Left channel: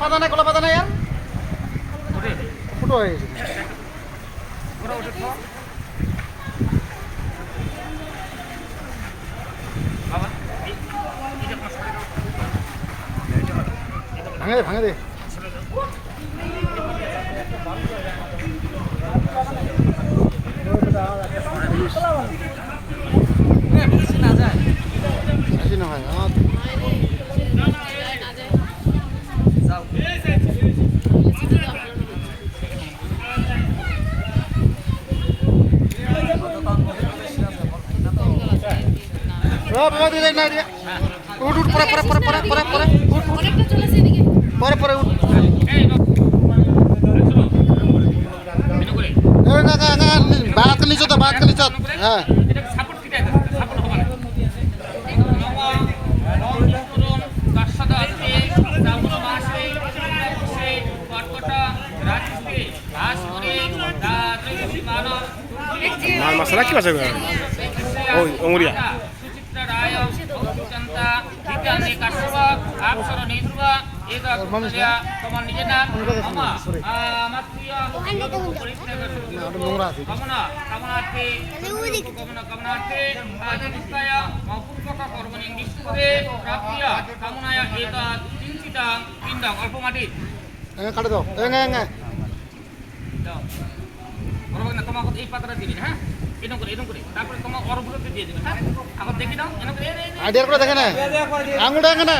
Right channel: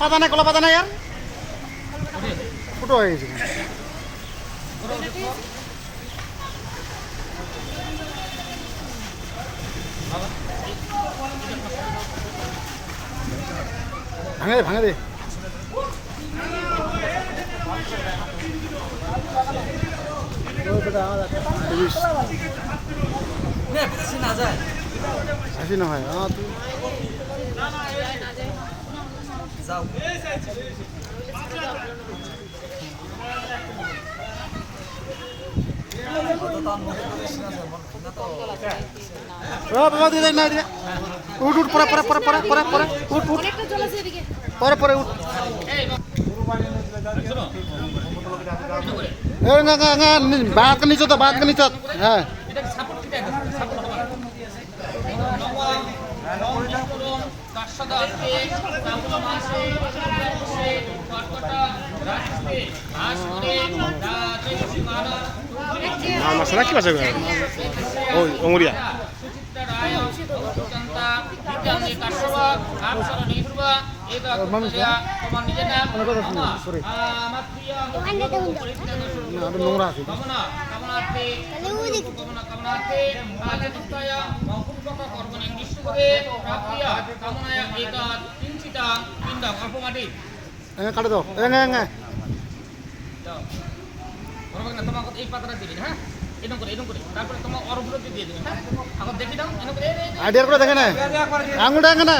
পাতা নাই কলা পাতা নাই আর ছোট হয়ে গেছে ভাঙে দে ভাঙে দে উঠ উঠ পরে পরে পরে পরে পরে পরে উঠ উঠ পরে পরে উঠ বাঘ নিচত বাঘ নিচত হ্যাঁ মাছরা কি আছে ওই অমরিয়া তোমাকে এই পাতাটা দিবি হ্যাঁ এরকম করে তারপরে তোমার অরগুলো দিয়ে দিবে হ্যাঁ এখন দেখি দাও এরকম করে আইডিয়া করে দেখেন না আঙুল দেখেন না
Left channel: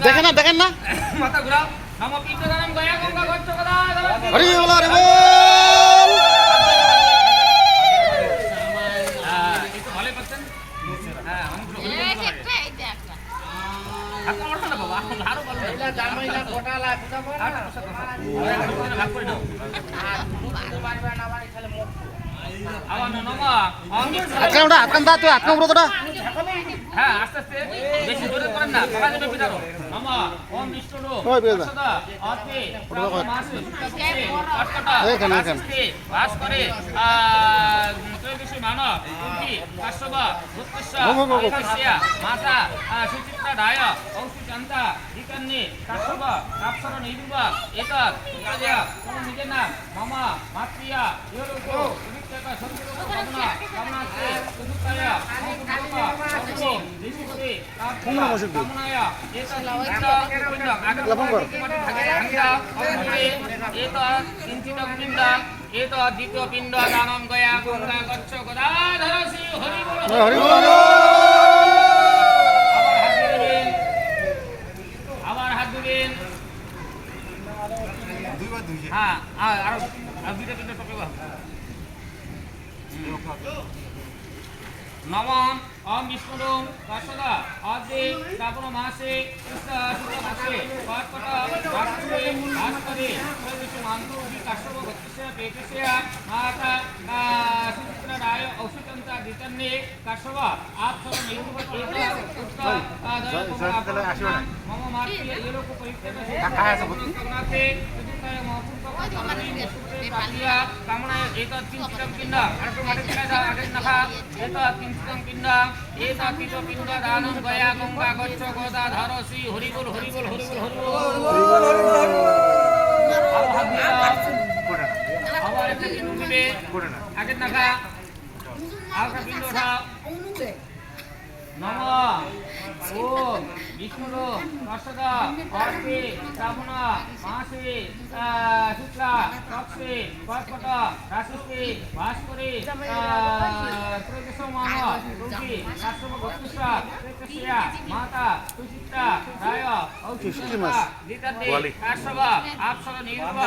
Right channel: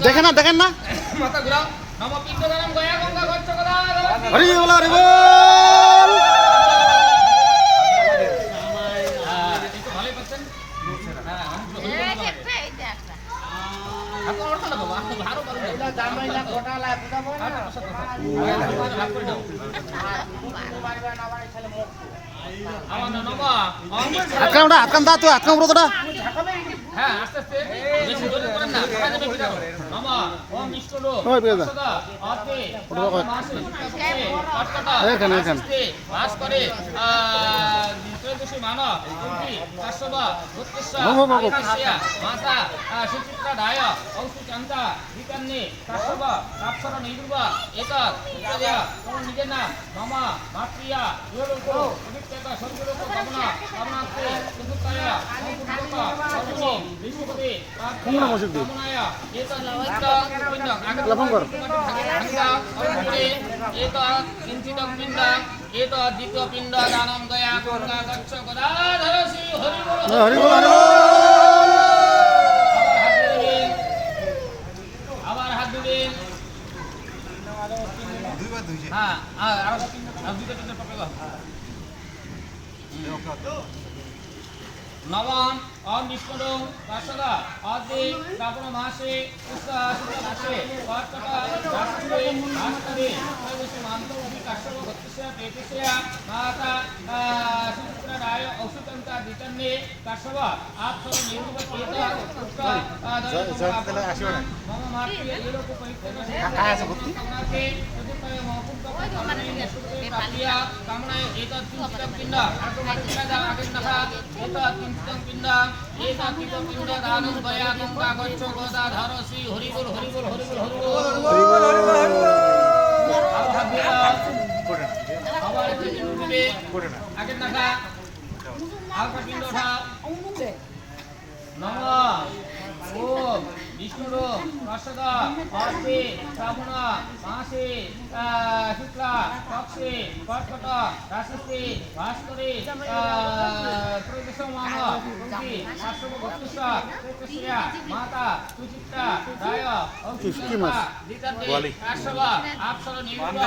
দেখেন না দেখেন না মাথা ঘুরাও নম পিণ্ড দানম গয়া গঙ্গা গচ্ছ গদা হরি বল হরি বল একটু ভালোই পাচ্ছেন হ্যাঁ এখন ওর না বাবা আরো ভালো ভাগ করে দাও আকাম দা তুই আকাম রোদটা হ্যাঁ আস্তে আস্তে বেশি জোরে করেন না কথা জোরে বিদারো নমঃ ওম বিষ্ণু সদা আতে মাসে কাটকাটা আস্তে বাস করে ত্রয়োদশী মানব কুন্তি কাশ্যপা উৎকৃষ্টা আকাশিয়া মাতা সুচিত্রা দায় ঔষিকান্তা দিকান্নে কাশ্যপা কাপসর নিরুবা এতৎ ইত্যাদিয়া কোন নিজে না মামা মাতৃয়া ইয়োলোক বিক্তকা সংযুক্ত কামনা কামনাতে সুচিত্রায়া মৌসুমা কর্মে ঋষিপতি কামনায়া এতৎ পিণ্ড ভাগিতা অগ্রে এতৎ কিঞ্চিত পিণ্ড এতৎ দ্বিতীয় পিণ্ড দানম গয়া গঙ্গা গচ্ছ গদাধর শ্রী হরি বল হরি বল আবার হাত দিবেন দুইবার দুইছে হ্যাঁ আর দুইটা তিনটা পকেবা নবম ওম বিষ্ণু কাশদা আদি শ্রাবণ মাসে শুক্লপক্ষে কর্কট রাশিতে বাস করে মান্তী কাশ্যপ ভক্তিশা পেটিশা মাতা সুচিত্রা রায় ঔষিকান্তা দিতন্নে কাশ্যপ আপসর নিরূপ মম মাতৃ এলোক পরিত্যাগতে কামনায় এতৎ কিঞ্চিতং পিণ্ড আরেকটু মাটি ফেলে দাও আগে নাখা এতৎ কিঞ্চিতং পিণ্ড এতৎ তৃতীয় পিণ্ড দানম গয়া গঙ্গা গচ্ছ গদাধর শ্রী হরি বল হরি বল হরি বল হরি বল হরি বল আবার একটা পিণ্ড দিবে আগে নাখা আরেকটা পিণ্ড উঠাও নমঃ ওম বিষ্ণু কাশদা অর্থে শ্রাবণ মাসে শুক্লা পক্ষে কর্কট রাশিতে বাস করে ত্রয়োদশ মানব কুন্তি কাশ্যপ ভক্তিশা পেটিশা মাতা সুচিত্রা রায় ঔষিকান্তা দিতন্নে কাশ্যপ আপসর নিরূপ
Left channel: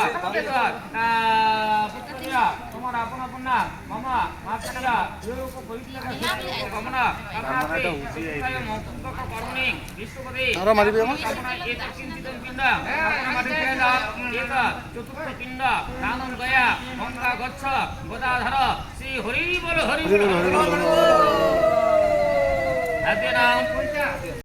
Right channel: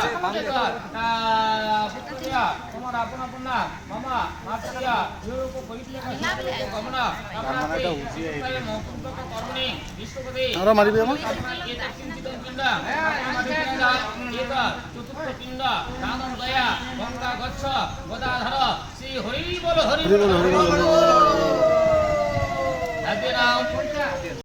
পুত্রিয়া তোমার আপন আপন নাম মামা মাতৃয়া ইয়োলোক পরিত্যাগ কামনা কামনাতে মৌকুম্ভক কর্মণি বিষ্ণুপদে এতৎ কিঞ্চিতং পিণ্ড মাটি ফেলে দাও এতৎ চতুর্থ পিণ্ড দানম গয়া গঙ্গা গচ্ছ গদাধর শ্রী হরি বল হরি বল হরি বল